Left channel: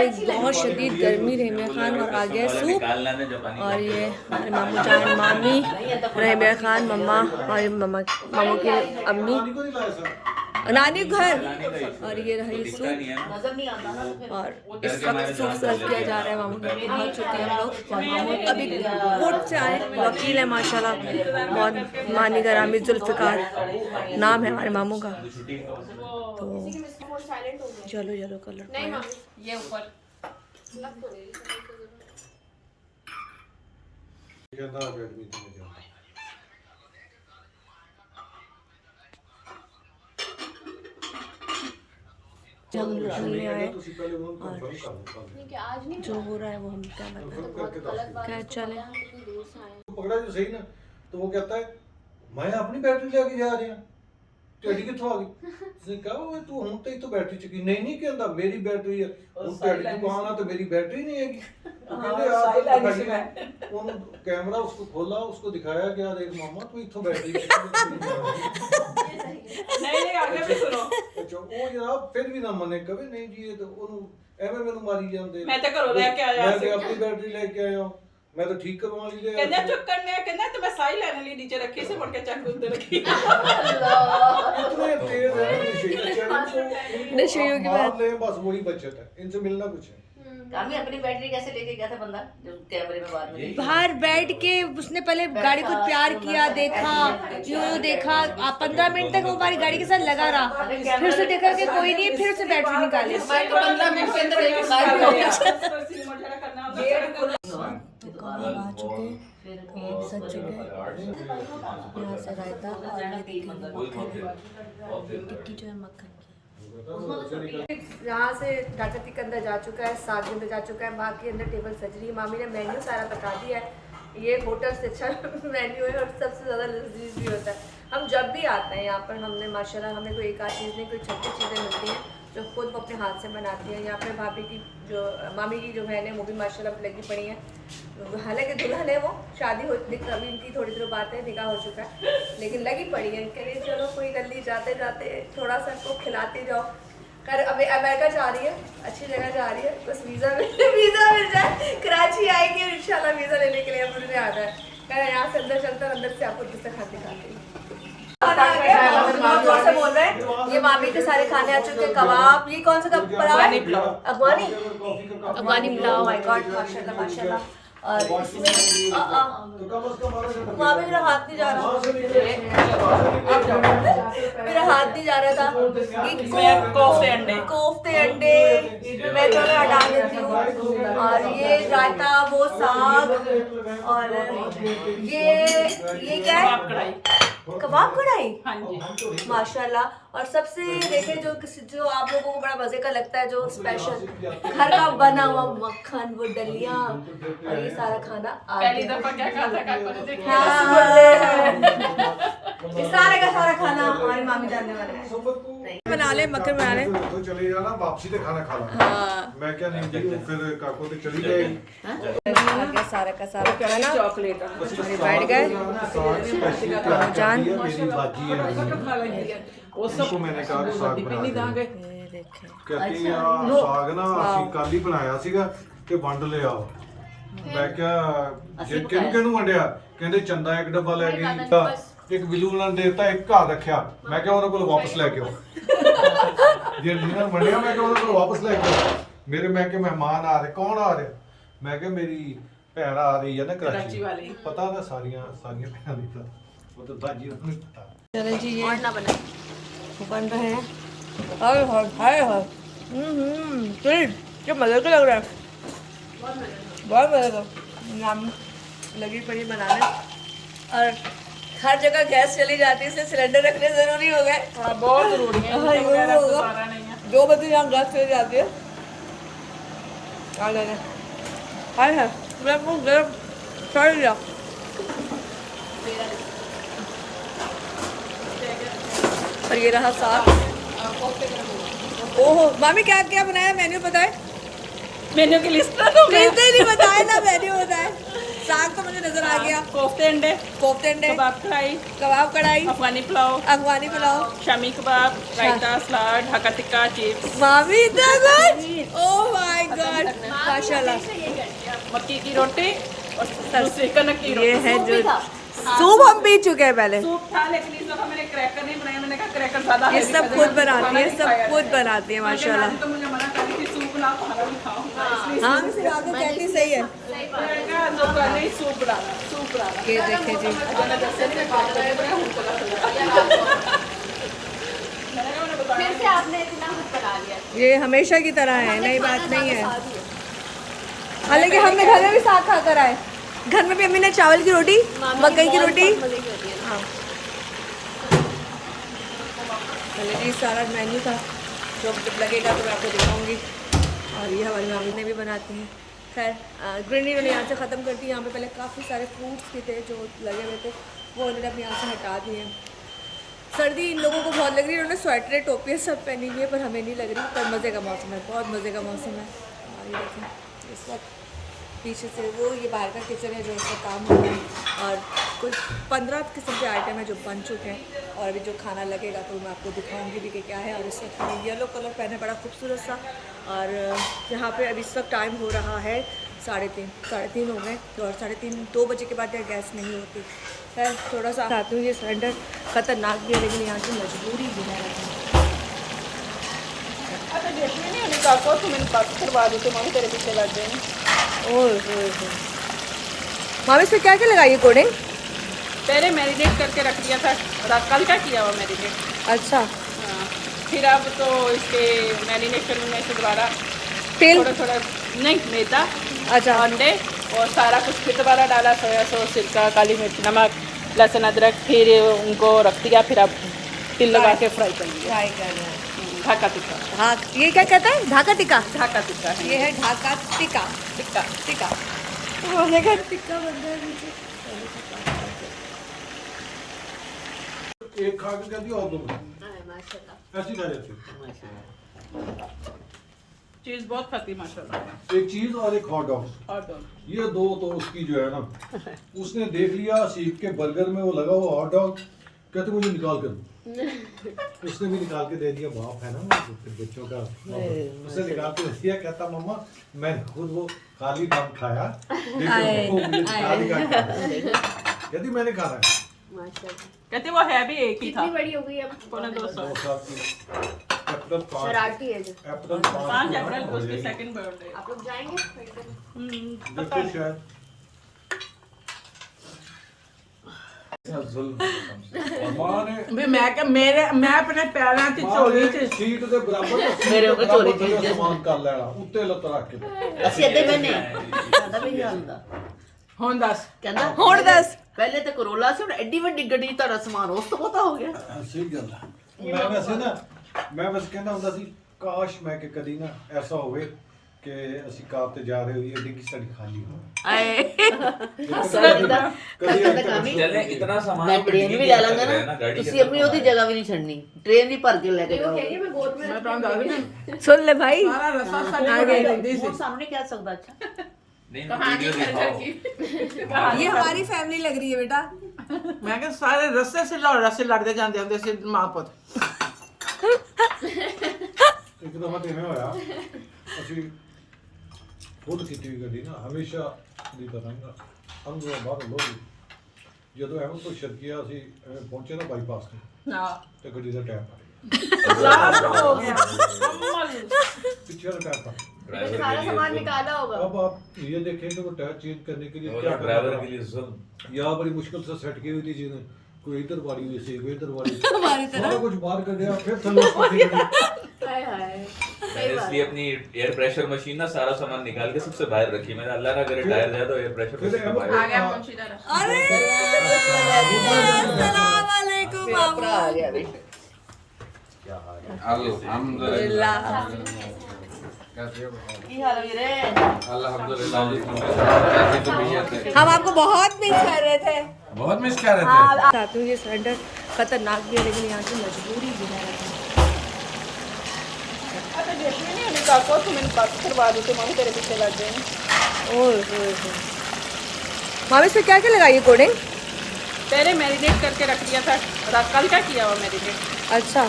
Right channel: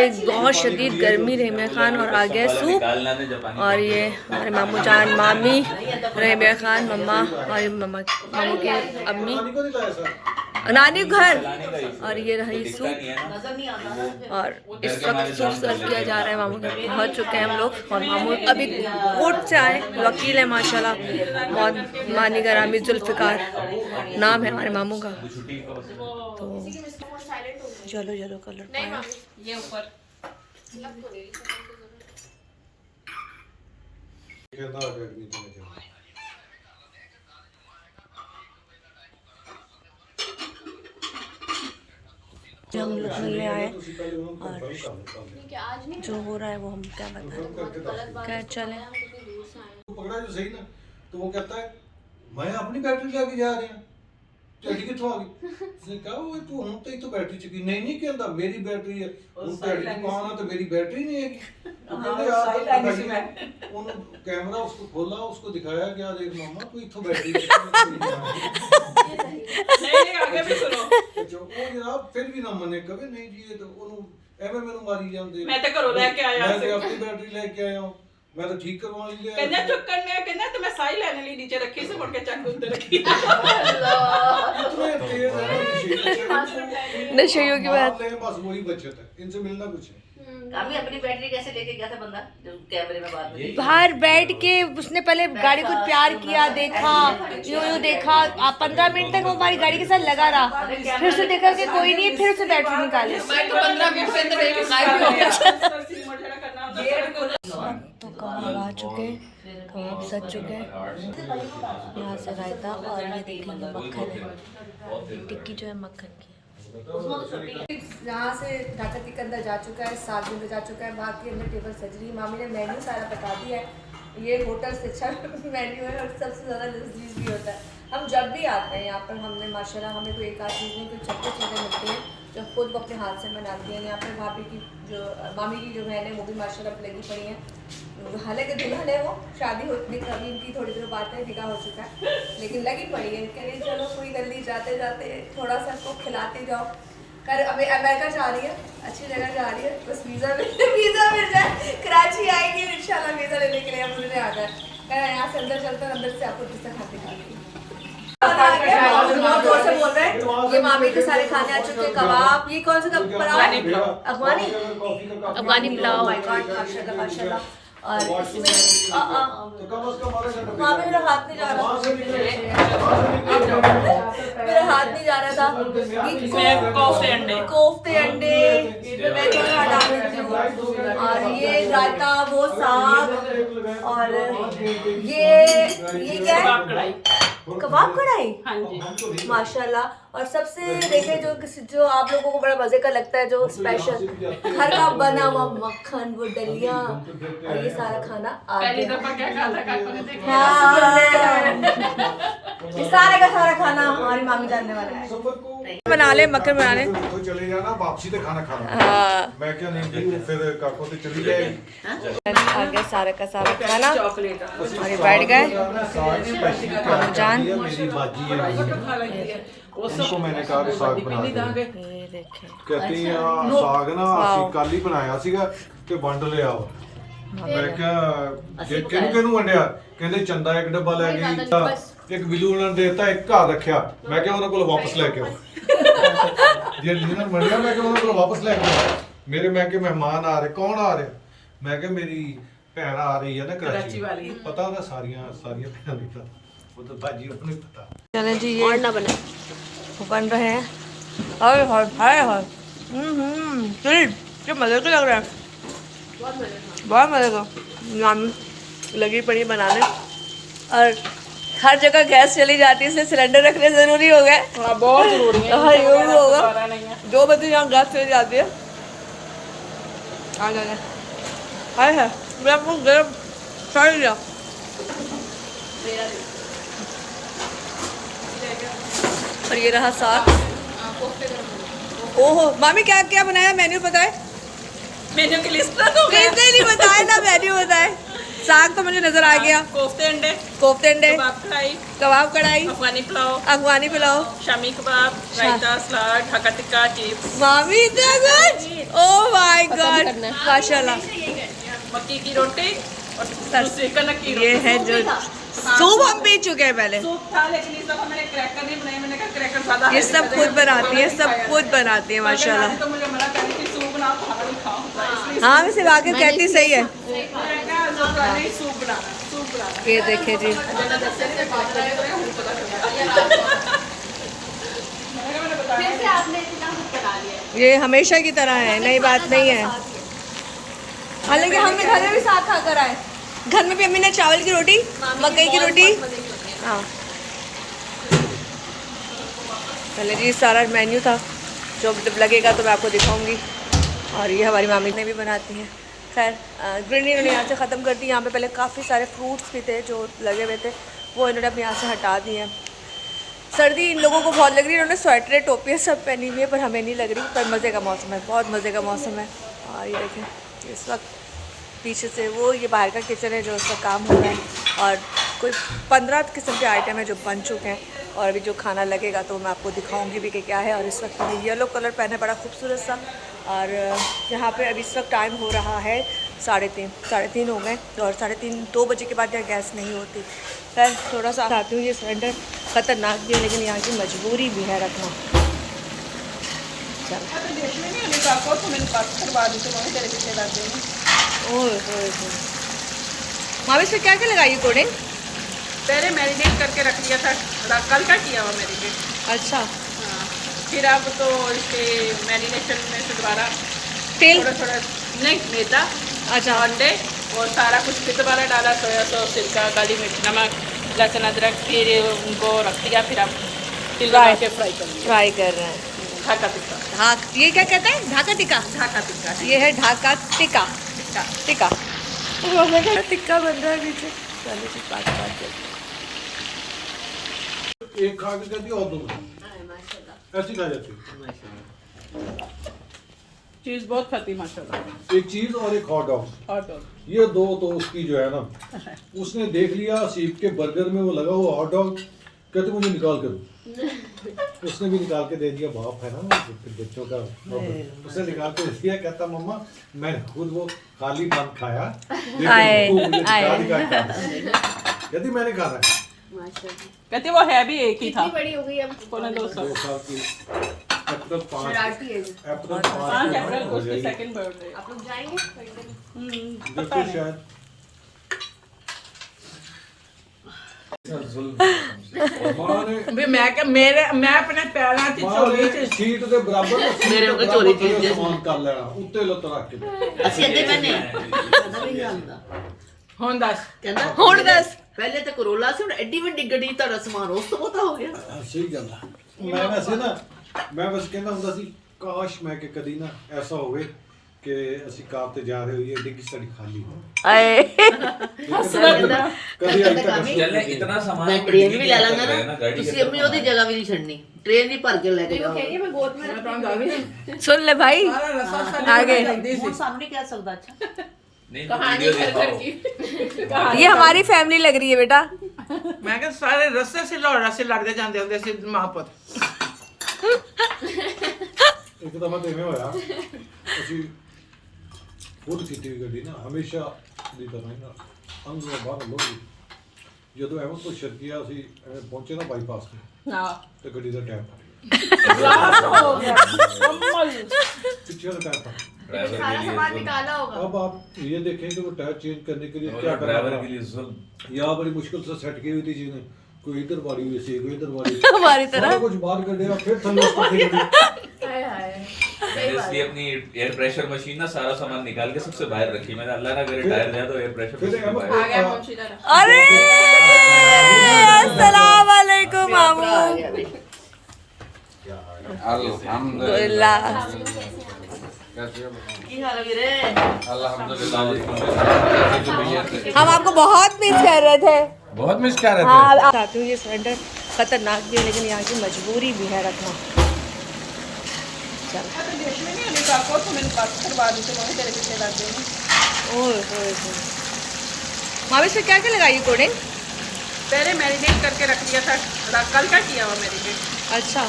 ये बहुत शदीद गर्मी रहमिया खान और आ गया सूप। और ये हमारे मामू जान मामी रहमिया खान मम्मा हमारी मामू की अम्मी नानी घर। और ये रही सूप और इस वक्त सूप सर्व किया जा रहा है। मामू घर पहुंच चुके हैं हम लोग और मामू अभी कोर्ट से आए। वकील है माशाल्लाह, बहुत मानी गरामी जुल्फ़िकार नाम है हमारे मामू का। तो चलो चलो कलर पाया ये ऊपर हम लोग मिलने आए और जो हो रहा है वो हम क्या बताएं। क्या चले पकड़ा जो सही ना, तो वो कहता है मैं अपनी बैटरी लेके जा रही हूँ, तेरी कितों आ गई? उसने कहा वो तू हम तो बैटरी चुकी नहीं कहता मेरी बैटरी है उस तेरी दुकान है तो मेरी बैटरी नहीं हैगी। तो कहते यार उन्होंने कैमरा उसको खोला, उसको दिखाया क्या देख मामा तू इथों बैटरी नहीं आगे भी सुनो जो वो जनाब फिर भी ना मने कभी नहीं जी ये तो ਉਹਨੂੰ ਐਵੇਂ ਮੈਨੂੰ ਮਾਰੀ ਜਾਂਦੇ ਮੈਂ ਤਾਂ ਘਰੋਂ ਲੈ ਕੇ ਆਇਆ ਸੀ ਮੈਂ ਆਪਣੀ बैटरी लेके आया हूं मैं तो ठीक करवा ली है कहने चुक्कन ने कहने तो मैं साई लेने लिए नीचे रखी से मुड़ के चक उधर रखी इतने तेज है नशेयों की बात बस वही बचत है इनसे मिलना कुछ है। अभी अपनी बैटरी कैसे लेके गया था बंदा जो कैमरे में बात में बाहर बैठ के उसने पहले गाड़ी को प्यार किया, देखा यूं यूं देखा। आप 15 मिनट तक वो हमारी गाड़ी के साथ लगा रहा, फिर उसे देखा कि कोई नहीं, फिर उसे बैटरी निकाले। तो कबाब आ चुके, कबाब सज चुके। यहाँ से रायता और ये देखेंगे मक्खन है, टिक्की जो है मक्खन की। यहाँ से डाकती के अंदर जा चुका है, 7 घंटे जा चुका है। बाकी अंदर टेबल सज रही है। मामी ने मेन्यू सारा बता दिया है। ये होटल से अच्छा मेन्यू है और सबसे ज़्यादा लजीज भी होता है। हम जब भी आते हैं यहाँ पर हमने माशाल्लाह हमें कोई एक आध चीज़ नहीं, कोई 36 चीज़ें मिलती हैं जो खुद वो अपने हाथ से बनाती हैं। यहाँ पर भाभी की जो मामी की जो बहन है वो भी माशाल्लाह लगी पड़ी हैं। हालांकि दुल्हन है वो, शादी हो अभी इनकी थोड़ी देर बात है, निकाह हो चुका है, लेकिन लगी पड़ी है। कह रही चलो कोई गली जाते जाते थोड़ा सा को खिलाते जाओ। कर अभी अमेरिका जा रही है, अच्छी जगह जा रही है, बस वीज़ा मिल जाए, कराची आएगी इंशाल्लाह वीज़ा लेने के लिए। अब मुझे आता है कह रहा है यहाँ से अंदर चलता है, अंदर से आपको किससे खाते खाते बहुत जोर से बोल रहे हैं। ये मामी के सारे खाने आ चुके हैं। कबाब, ये कौन सा पुलाव? अफगानी पुलाव माशाल्लाह। और इसमें मामी मेरा हाथ नहीं जा रहा, मेरा हाथ नहीं जा रहा था। कोफ्ते अंडे मैं थोड़ा हटा देती हूँ। और ये रायता, वो साग, और ये क्या है? कबाब कढ़ाई माशाल्लाह। और सबसे देखे जो आप लोगों को बड़ा मजे का लगता है, जो स्पेशल घर का बना हुआ मक्खन, वो दलिया और ये सारा खाना आ गया। ये सारा का सारा खाना हमारी मामी जानने वाले हैं। बना ले मक्खन बना ले तो चले जाना वापसी ते खाना खा ला। मैं क्या नहीं जी फिर काको ते चली जाएगी। आ गया सारा का सारा खाना और बैठ गए मामू जान। मेरी बाजी है उसको मैंने कहा कि साग बना दे। कहती है साग ना ਅਸੀਂ ਕੱਲ ਹੀ ਬਣਾਇਆ ਸੀਗਾ ਤੇ ਵੰਡ ਲਿਆ। ਮੈਂ ਕਿਹਾ ਕਿਹਨੂੰ ਵੰਡਿਆ? ਕਹਿੰਦੇ ਚੰਦਾ ਇੱਕ ਡੱਬਾ ਲੈ ਗਈ, ਇੱਕ ਬਿੱਲੂ ਨਾਲ ਦੇਤਾ, ਇੱਕ ਘਰ ਰੱਖਿਆ। ਮੈਂ ਕਿਹਾ ਉਹਨਾਂ ਕੋਲ ਵਾਪਸ ਲੈ ਕੇ ਆਓ। ਜੇ ਲੀਨਾ ਨੂੰ ਵੰਡਿਆ ਮੈਂ ਕਿਹਾ ਉਹਨਾਂ ਕੋਲ ਵਾਪਸ ਲੈ ਕੇ ਆਓ। ਮੇਰੇ ਮੈਂ ਕਿ ਮਹਿਮਾਨ ਆ ਰਹੇ, ਕੌਣ ਆ ਰਿਹਾ? ਮੈਂ ਕਿਹਾ ਮੇਰੀ ਭੈਣ ਆ ਰਹੀ ਹੈ ਨਾ कराची वाली। पता ना सारियां भैन नहीं पता, वो तो बाजी को नहीं पता। चले जी ये बन रहे हैं। हाय हाय हाय हाय क्या मज़े का लग रहा है, बहुत मज़े का। नाम लगी पड़ी बनाने और हर जगह गैस चली जाती है, इसलिए सिलेंडर रखने ज़रूरी हो गए। बहुत ज़रूरी है। हाँ यूँ होगा 2 बजे यहाँ गैस चली जाती है। आ गया हाय हाय मेरा मुँह गर्म कर लिया। और ये रहा साग। ओहो मामी क्या क्या बनाया? मेन्यू बताए। मेन्यू की लिस्ट नहीं बताए ना, मेन्यू बताए। साग तो मुझे नजर आ गया। कोफ्ते अंडे, कबाब कढ़ाई, अफगानी पुलाव, शामी कबाब, रायता, सलाद, हक्का टिक्का, चिप्स। मामी इतना कुछ ओह माय गॉड माशाल्लाह। मक्की की रोटी ये है जो सूप हम पी चुके हैं पहले। सूप था, लेकिन इस दफा मैंने क्रैकर नहीं बनाया। मैंने कहा क्रैकर ज्यादा ये सब खुद बनाती है, सब खुद बनाती है माशाल्लाह। तो मुझे मना कर रही थी सूप ना खाना नहीं खाओ, इसलिए हाँ मैं सिर्फ आके कहती सही है। सूप बना। ये देखे जी, ये हमेशा की तरह है, नई बात नहीं है। हालांकि हमने घर में भी साग खा कर आए। घर में भी अम्मी ने चावल की रोटी, मकई की रोटी। हाँ चले जी, सारा मेन्यू था। जो जब लगेगा तो मैं आपको दिखाऊंगी। और ये हमारी मामी ने भी बनाती हैं। खैर ग्रीनरी इन्होंने यहाँ से ख़त्म कर दी। यहाँ पे पहले काफ़ी सारे फ्रूट्स भी थे जो लगे हुए थे, वो इन्होंने अपने यहाँ से हटा दिए हैं। सर्दी इन लोगों को बहुत लग रही है, इन्होंने स्वेटरें टोपियाँ सब पहनी हुई है, पर हमें नहीं लग रही। पर मज़े का मौसम है, बहुत मज़े का मौसम है। और ये देखें इस वक्त पीछे से वो ये बाहर का किचन है जो उसका काम हो रहा है। और कोई 15 किस्म के आइटम है जो बन चुके हैं, और अभी जो खाना लगेगा तो मैं आपको दिखाऊंगी भी कि क्या है। और इस वक्त मैंने येलो कलर पहना है, बड़ा खूबसूरत सा। और यहाँ पे अभी इस वक्त टाइम हो रहा है 3:30 हो गए। और 3:30 2 बजे के बाद यहाँ गैस नहीं होती। खैर थोड़ा सा आती हूँ, ये सिलेंडर ख़तरनाक भी है, लेकिन यहाँ की मजबूरी भी है रखना। मामी इसमें क्या क्या लगाइए कोडिंग? पहले मैरिनेट करके रख दिया था, कल का किया हुआ मैरिनेट। अच्छा, फिर अब तो इसके मैरिनेशन में से दोबारा तेल थोड़ा नहीं मैदा, अच्छा अंडे और सारा कुछ फिर दोबारा डाला, सोया सॉस, सिरका, काली मिर्च, नमक, लहसुन, अदरक। फिर उनको रख दिया, फिर अब तिल लगा के फ्राई कर रहे हैं। ढाका टिक्का, ये क्या कहते हैं? ढाका टिक्का। ढाका टिक्का, ये है ढाका टिक्का। टिक्का टिक्का टिक्का बन रहा है पीछे। चलो जी, बात एक खा के कहती और दो ऐसी खा जाती। चीज बहुत खाती माशाल्लाह। एक चीज और एक हॉट डॉग, हॉट डॉग ये दो तो उसकी जो है ना, उसने देख लिया सीख के बर्गर में वो लगा हुआ हॉट डॉग, कहते मुझे निकाल कर। उसने भी निकाल के दे दिया, बाप है ना बच्चों का। उसने निकाल के दे दिया, कहता मम्मा मैं खुद वो खाली बंद खाया, यदि मैंने खाना है। कहते वो है भी एक ही था। कितनी बड़ी हो गई अब? 2 साल की। अप्रैल 5 अप्रैल को उसकी सेकंड बर्थडे। आप लोग जाएंगे? बिल्कुल शायद मैं अपने पैरों की चोली से सीट ਦੇ ਬਰਾਬਰ ਸਮਾਨ ਕਰ ਲੈਣਾ, ਉੱਤੇ ਲੱਤ ਰੱਖ ਕੇ। ਅਸੀਂ ਅੱਧੇ ਬੰਨੇ ਪਤਾ ਵੀ ਨਹੀਂ ਹੁੰਦਾ। ਹੁਣ ਦੱਸ ਕਹਿੰਦਾ ਹੁਣ ਦੱਸ। ਪਹਿਲੇ ਤਾਂ ਕਰੋਲਾ ਸੀ, ਹੁਣ ਐਡੀ ਵੱਡੀ ਗੱਡੀ ਤੁਹਾਡਾ ਸਮਾਨ ਉਸ ਤੋਂ ਪਤਾ ਹੋ ਗਿਆ। ਸਹੀ ਗੱਲ ਆ। ਮੈਂ ਵੈਸੇ ਕਹਿੰਦਾ ਹੁੰਦਾ ਸੀ, ਕਾਸ਼ ਮੈਂ ਕਿ ਕਦੀ ਨਾ ਐਸਾ ਹੋਵੇ ਕਿ ਅਸੀਂ ਕਾਰ ਤੇ ਜਾ ਰਹੇ ਹੋਈਏ, ਡਿੱਗੀ ਸਾਡੀ ਖਾਲੀ ਹੋ। ਚੱਲੇ ਇਤਨਾ ਸਮਾਨ ਮੈਂ ਟ੍ਰੇਨ ਵੀ ਲੈ ਲੈਂਦਾ ਨਾ, ਤੁਸੀਂ ਆਪਣੀ ਉਹਦੀ ਜਗ੍ਹਾ ਵੀ ਨਹੀਂ ਛੱਡਣੀ, ਟ੍ਰੇਨ ਵੀ ਭਰ ਕੇ ਲੈ ਕੇ ਜਾਓ। सुन ले भाई आगे। वो सामने क्या सकता? अच्छा ये हमारी फैमिली लग रही है बेटा। मैं क्या सारे रस्से से लड़ते जाते होंगे सी मां पुत। ਇੱਕ ਦਫਾ ਤੇ ਐਵੇਂ ਹੋਇਆ, ਅਸੀਂ ਖੁਦ ਕੀਤੀ ਹੋਈ ਗੱਡੀ ਨਾ ਹਮੇਸ਼ਾ ਦੀ ਤਰ੍ਹਾਂ ਹੀ ਨਾ ਅੰਦਰੋਂ ਬਾਹਰ ਲੋੜੀ, ਜਦੋਂ ਐਵੇਂ ਤੋਂ ਸ਼ਰਕੀਆ ਅਸੀਂ ਐਵੇਂ ਪਹੁੰਚੇ ਨਾ ਬਾਈਪਾਸ ਤੇ, ਤੇ ਗੱਡੀ ਦਾ ਟਾਇਰ ਫਟ ਗਿਆ। पिछले टायर पर सारा सामान निकाला होगा। अब आप ये देखें कि वो टायर चेंज करने के लिए क्या ड्राइवर के लिए यहाँ बड़ी मुश्किल से सेट की हुई थी चीजें, कोई इधर वाली हुई थी, कोई इधर वाली हमारी तरह कुछ बाहर कर दिया, फिर थल्ले उस पर मैंने इसलिए अपनी एयर प्रेशर मशीन ना सारा सामान निकाल के सबसे बाहर रखी। मैंने अल्लाह ना करे टायर जाए तो एयर प्रेशर। अरे अस्सलाम वालेकुम मामू। अल्हम्दुलिल्लाह। हम आपको बहुत मिस कर रहे थे, बहुत मिस कर रहे थे। हाँ आती हूँ, ये सिलेंडर खतरनाक भी है, लेकिन यहाँ की मजबूरी भी है रखना। मामी इसमें क्या क्या लगाइए कोडिंग? पहले मैरिनेट करके रख दिया था, कल का किया हुआ मैरिनेट। अच्छा,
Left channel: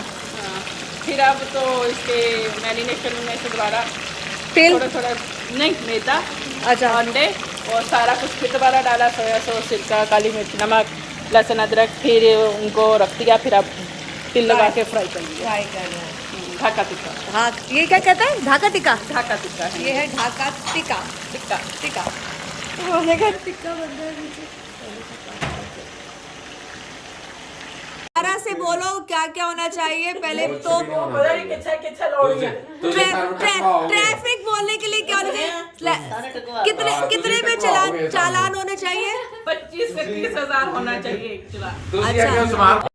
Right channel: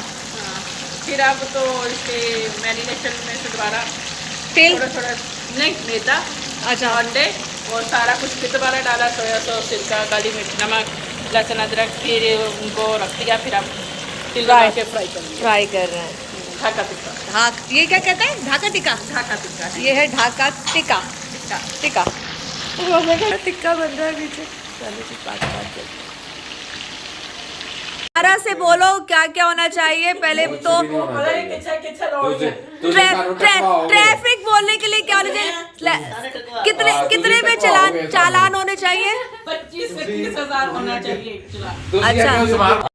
फिर अब तो इसके मैरिनेशन में से दोबारा तिल थोड़ा थोड़ा नहीं मैदा अच्छा अंडे और सारा कुछ कितना डाला, सोया सॉस, सिरका, काली मिर्च, नमक, लहसुन अदरक, फिर उनको रख दिया, फिर आप तिल लगा के फ्राई करेंगे। फ्राई कर रहे हैं। ढाका टिक्का, ढाक ये क्या कहते हैं? ढाका टिक्का। ढाका टिक्का ये है ढाका टिक्का। टिक्का। टिक्का टिक्का बन रहा है पीछे। चलो कुछ बात करते हैं। दोबारा से बोलो क्या क्या होना चाहिए पहले तो। ट्रैफिक बोलने के लिए क्या होना चाहिए? कितने पे चालान होने चाहिए? 25 से 30 हज़ार होना चाहिए चला। अच्छा